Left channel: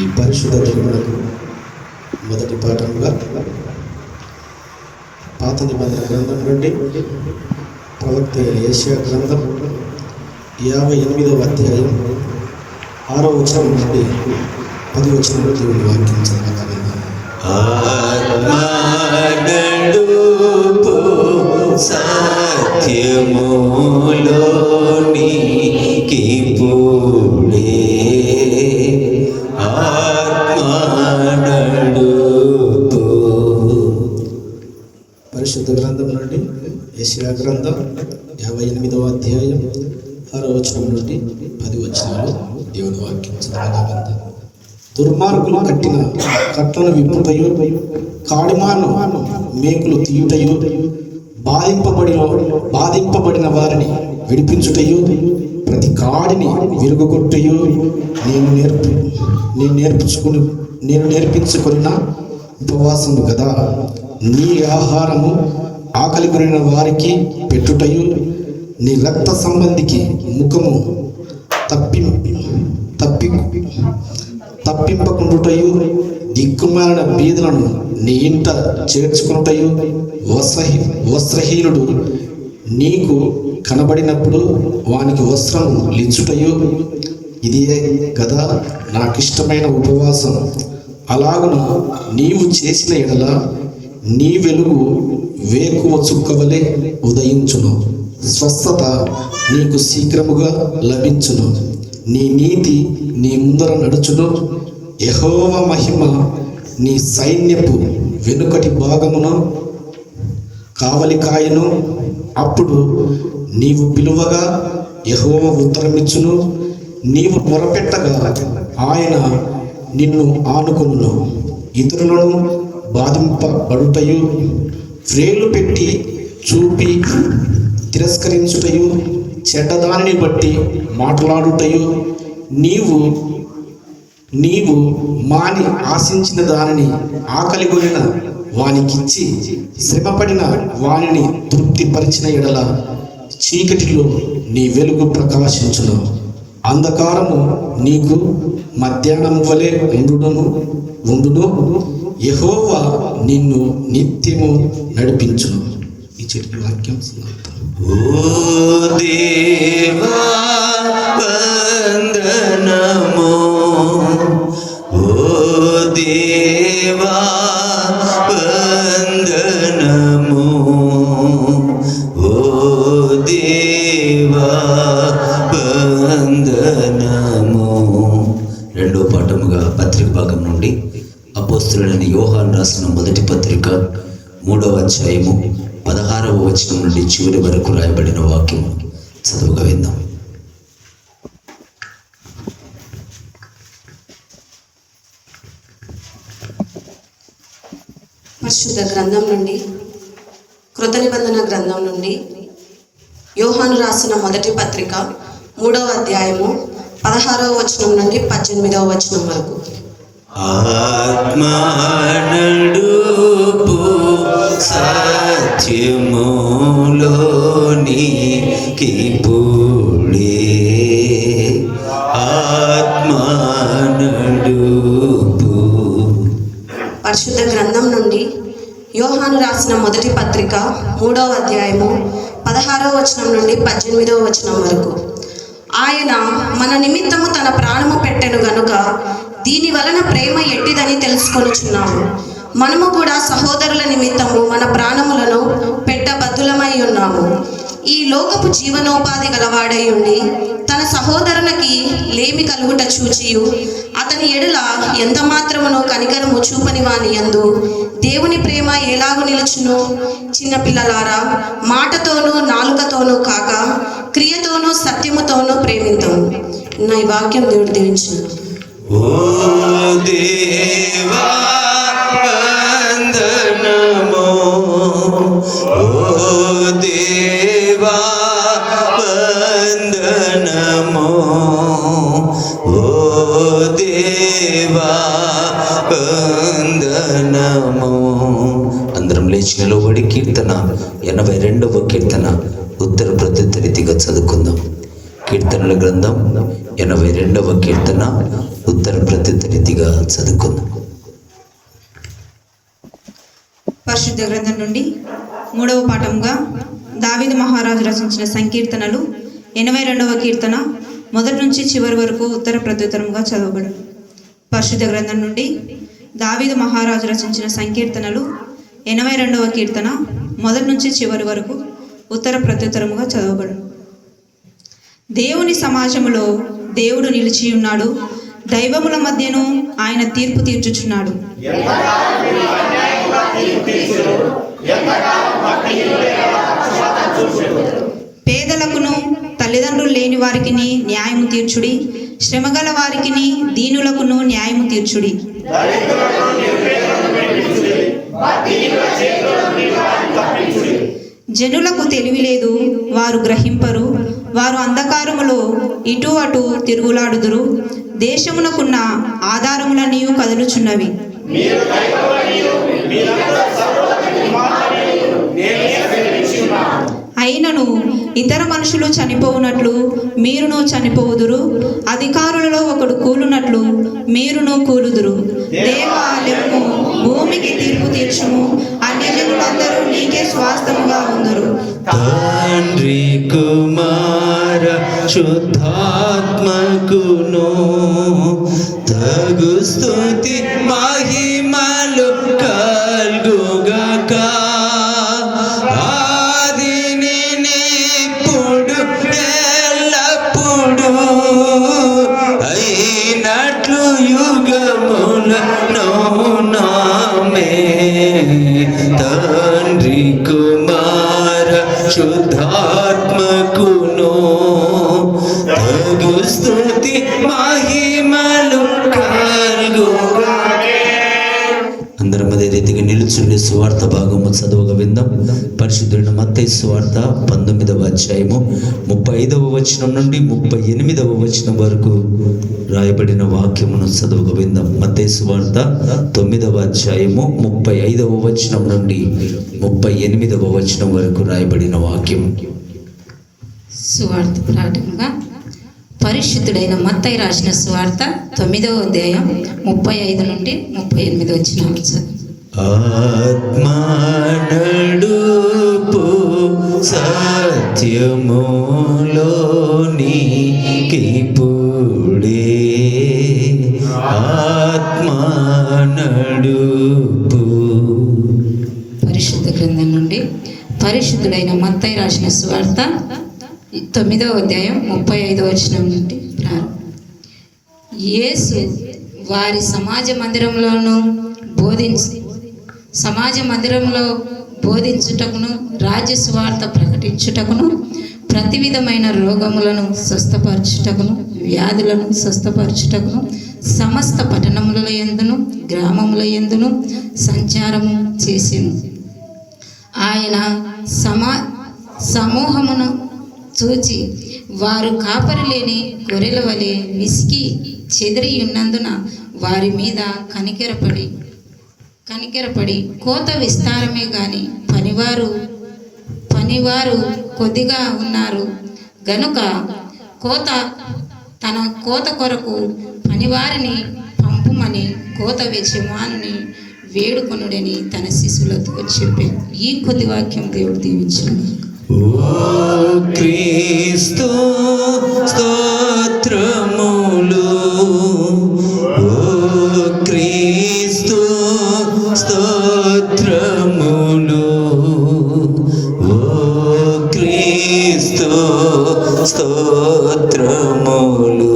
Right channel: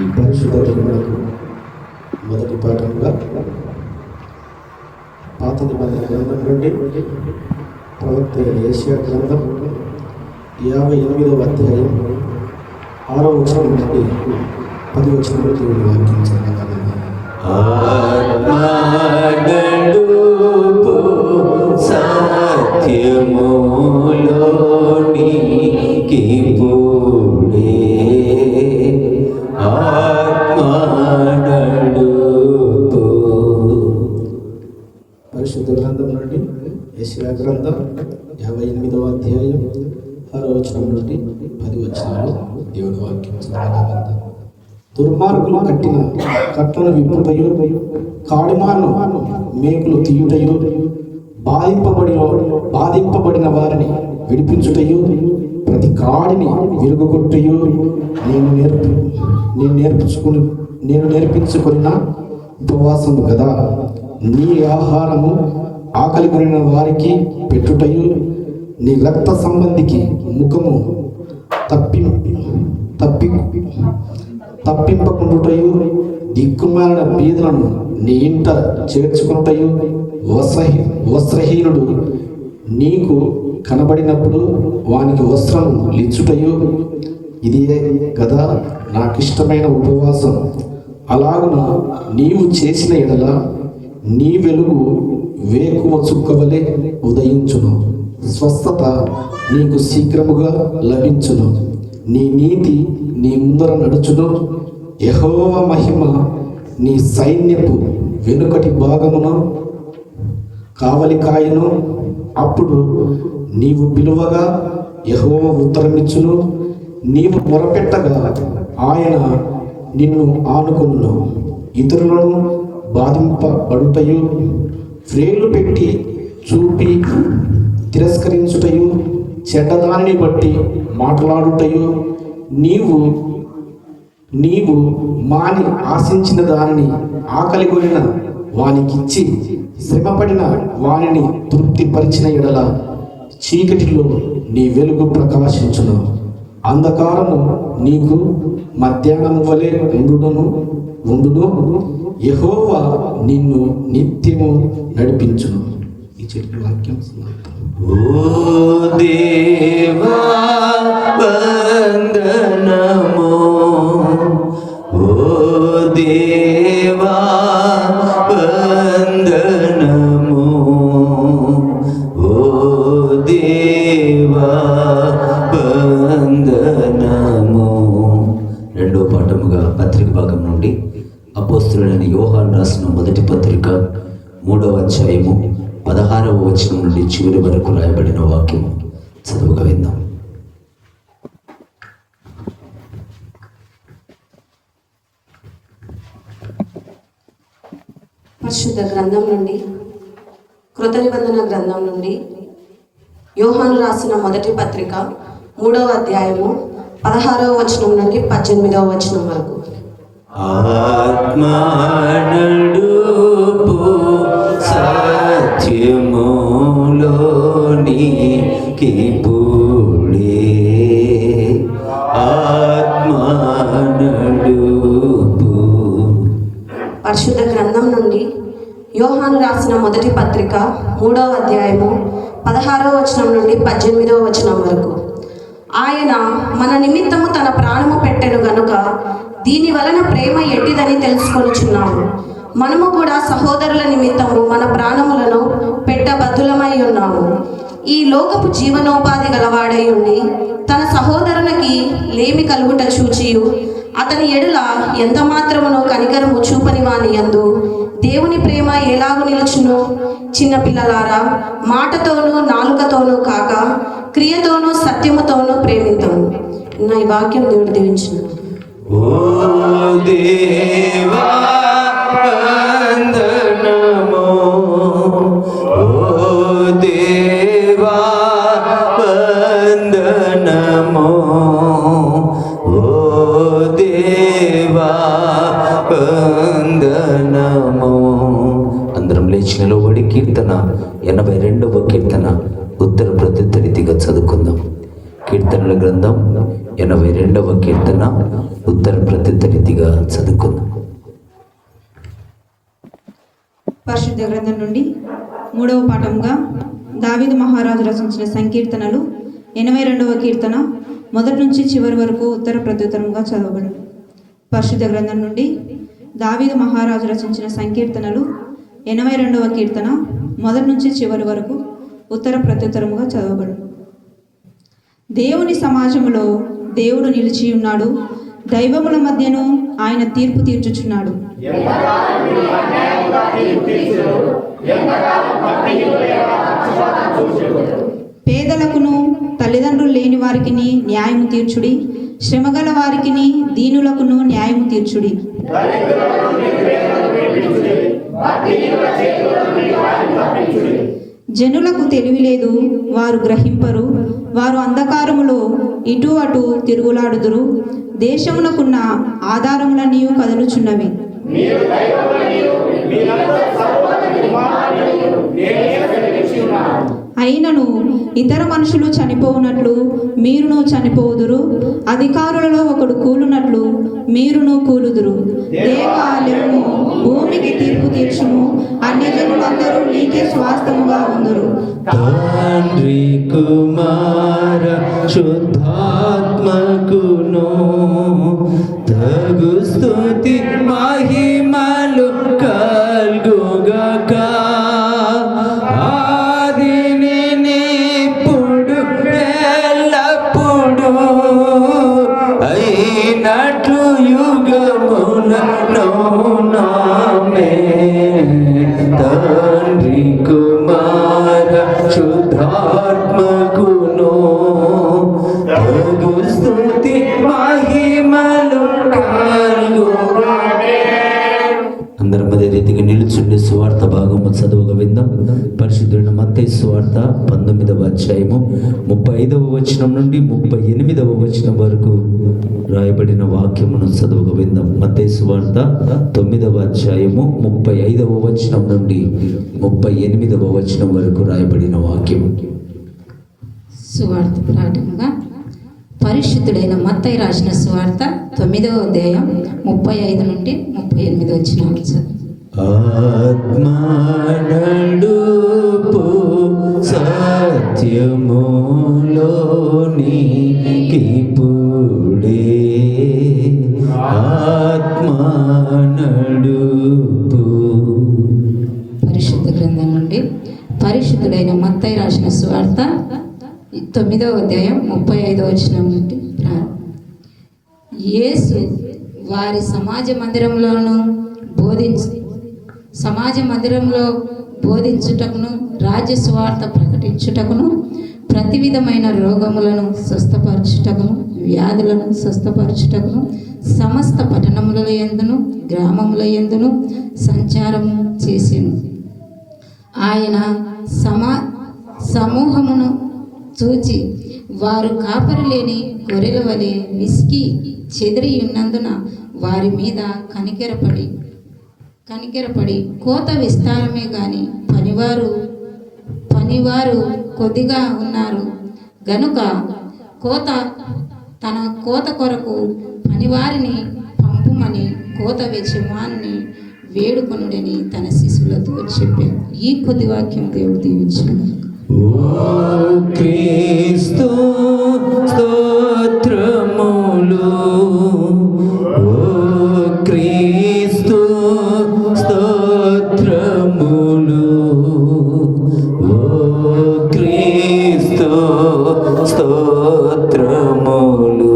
ఈ పరిశుద్ధ గ్రంథం మొదటి పాఠంగా పాత నిబంధన గ్రంథం నుండి ప్రవక్త యెషయా గ్రంథం 58వ అధ్యాయం 6వ వచనం నుండి 10వ వచనం దేవుని వాక్యం చదవగలము. సత్యములోనికి పూడే ఆత్మనడుపు. పరిశుద్ధ గ్రంథం నుండి యెషయా గ్రంథం 58వ అధ్యాయం 6వ వచనం నుండి 10వ వచనాలు దేవుని వాక్యం చదవగలము. దుర్మార్గులు కట్టిన కట్టను విప్పుటయో, కాడిమాను మేకులు తీయుటయో, బాధింపబడిన వారిని విడిపించుటయో, ప్రతి కాడిని విరుగుగొట్టయో నేను నేర్పించుకున్న ఉపవాసము కదా. నీ ఆహారము ఆకలి కొనిన వారికి పెట్టుటయో, నీ రక్త సంబంధికి ముఖము తప్పింపకుండుటయు, దిక్కుమాలిన బీదలను నీ ఇంట చేర్చుకున్నటయు, వస్త్రహీనుడు నీకు కనబడినప్పుడు వానికి వస్త్రం లిచ్చుటయు, ఇదే కదా నాకిష్టమైన ఉపవాసం. అలాగున నీవు చేసిన ఎడల నీ వెలుగు వేకువ చుక్కవలే ఉదయించును, స్వస్థత నీకు శీఘ్రముగా లభించును, నీ నీతి నీ ముందర నడుచును, యెహోవా మహిమ నీ సైన్యపు వెనుకటి భాగమును కావలి కాయను. అప్పుడు నీవు పిలువగా యెహోవా ఉత్తరమిచ్చును, నీవు మొరపెట్టగా ఆయన నిన్ను ఆనుకొనును. ఇతరులను బాధింపబడుటయు, వ్రేళ్లు పెట్టి చూపి తిరస్కరించుటయు, చెడ్డదాన్ని బట్టి మాట్లాడుటయు, నీవు మాని ఆశించిన దానిని ఆకలి కొనిన వానికిచ్చి, శ్రమపడిన వానిని తృప్తిపరిచిన ఎడల చీకటిలో నీ వెలుగు ప్రకాశించును, అంధకారము నీకు మధ్యాహ్నం వలె ఉండును. యెహోవా నిన్ను నిత్యము నడిపించును. ఈ చెట్టు వాక్యం ఓ దేవా వందనము, ఓ దేవా వందనము, ఓ దేవా వందనము. రెండో పాఠముగా పత్రిక భాగం నుండి అపోస్తలుడైన యోహాను రాసిన మొదటి పత్రిక 3వ అధ్యాయము 16వ వచనం నుండి చివరి వరకు రాయబడిన వాక్యం చదువుగా విందాం. పరిశుద్ధ గ్రంథం నుండి, కృత నిబంధన గ్రంథం నుండి యోహాను రాసిన మొదటి పత్రిక 3వ అధ్యాయము 16వ వచనం నుండి 18వ వచనం వరకు. ఆత్మనడుపు సత్యములోనికి పూడే ఆత్మనడుపు. పరిశుద్ధ గ్రంథం నుండి యోహాను రాసిన మొదటి పత్రిక 3వ అధ్యాయము 16వ వచనం నుండి 18వ వచనం వరకు. ఆయన మన నిమిత్తము తన ప్రాణము పెట్టెను గనుక దీని వలన ప్రేమ ఎట్టిదని తెలుసుకొనుచున్నాము. మనము కూడా సహోదరుల నిమిత్తము మన ప్రాణములను పెట్టబద్ధులమై ఉన్నాము. ఈ లోకపు జీవనోపాధి గలవాడై ఉండి తన సహోదరునికి లేమి కలుగుట చూచియు అతని ఎడుల ఎంత మాత్రమును కనికరము చూపని వాని యందు దేవుని ప్రేమ ఎలాగు నిలుచును? చిన్నపిల్లలారా, మాటతోనూ నాలుకతోనూ కాక క్రియతోనూ సత్యముతోనూ ప్రేమిద్దాము. నా ఈ వాక్యం దేవుడు దీవించును. ఓ దేవా వందనము, ఓ దేవా వందనము, ఓ దేవా వందనము. అందరం లేచి నిలబడి కీర్తన 82వ కీర్తన ఉత్తర ప్రత్యుత్త రీతిగా చదువుకుందాం. కీర్తనల గ్రంథం 82వ కీర్తన ఉత్తర ప్రత్యుత్త రీతిగా చదువుకుందాం. పరిశుద్ధ గ్రంథం నుండి 3వ పాఠంగా దావీదు మహారాజు రచించిన సంకీర్తనలు 82వ కీర్తన మొదటి నుంచి చివరి వరకు ఉత్తర ప్రత్యుత్తరంగా చదవబడు. పరిశుద్ధ గ్రంథం నుండి దావీదు మహారాజు రచించిన సంకీర్తనలు 82వ కీర్తన మొదటి నుంచి చివరి వరకు ఉత్తర ప్రత్యుత్తరముగా చదవబడు. దేవుని సమాజములో దేవుడు నిలిచి ఉన్నాడు, దైవముల మధ్యను ఆయన తీర్పు తీర్చుచున్నాడు. పేదలకును తల్లిదండ్రులు లేని వారికి న్యాయము తీర్చుడి, శ్రమగల వారికి దీనులకును న్యాయము తీర్చుడి. జనులకు తెలివి లేదు, వారు గ్రహింపరు, వారు అంధకారములో ఇటు అటు తిరుగులాడుదురు. దేశమునకున్న ఆధారములన్నీ కదులుచున్నవి. అయినను ఇతర మనుషులు చనిపోవునట్లు మీరును చనిపోవుదురు, అధికారులలో ఒకడు కూలునట్లు మీరును కూలుదురు. దేవా లెమ్ము, భూమికి తీర్పు తీర్చుము, అన్యజనులందరూ నీకే స్వాస్థ్యముగా ఉందురు. తండ్రి కుమార శుద్ధాత్మకును తగు స్తుతి మహిమలు కల్గుగాక. ఆదినిప్పుడు ఎల్లప్పుడు అయినట్లు యుగములను నామే. తండ్రి కుమార శుద్ధాత్మకును తగు స్తుతి మహిమలు కలుగుగాక. అందరం అదే రీతిగా నిలుచుండి సువార్త భాగము చదువుగా విందాం. పరిశుద్ధుడైన మత్తయి సువార్త 19వ అధ్యాయము 35వ వచనం నుండి 38వ వచనం వరకు రాయబడిన వాక్యమును చదువుగా విందాం. మత్తయి సువార్త 9వ అధ్యాయము 35వ వచనం నుండి 38వ వచనం వరకు రాయబడిన వాక్యము. సువార్త పాఠంగా పరిశుద్ధుడైన మత్తయి రాసిన సువార్త 9వ అధ్యాయం 35 నుండి 38 వచనాలు. ఆత్మ నడుపు సత్యములోనికి పుడే, ఆత్మ నడుపు. పరిశుద్ధ గ్రంథం నుండి పరిశుద్ధుడైన మత్తయి రాసిన సువార్త 9వ అధ్యాయం 35వ వచనం నుండి ప్రారంభం. యేసు వారి సమాజ మందిరంలో బోధించుటకును, రాజ్య సువార్త ప్రకటించుటకును, ప్రతి విధమైన రోగములను స్వస్థపరచుటకును, వ్యాధులను స్వస్థపరచుటకును సమస్త పట్టణముల యందును గ్రామముల యందును సంచారము చేసెను. ఆయన సమూహమును చూచి వారు కాపరి లేని గొర్రెల వలె విసికి చెదిరి ఉన్నందున వారి మీద కనికెరపడి కోత విస్తారమే గాని పనివారు కొద్దిగా ఉన్నారు గనుక తన కోత కొరకు పనివారిని పంపుమని కోత యజమానుని వేడుకొనుడని తన శిశువులతో చెప్పాను. ఈ కొద్ది వాక్యం దేవుడు దీవించును. ఓ క్రీస్తు స్తోత్రములు, ఓ క్రీస్తు స్తోత్రములు, ఓ క్రీస్తు స్తోత్రములు.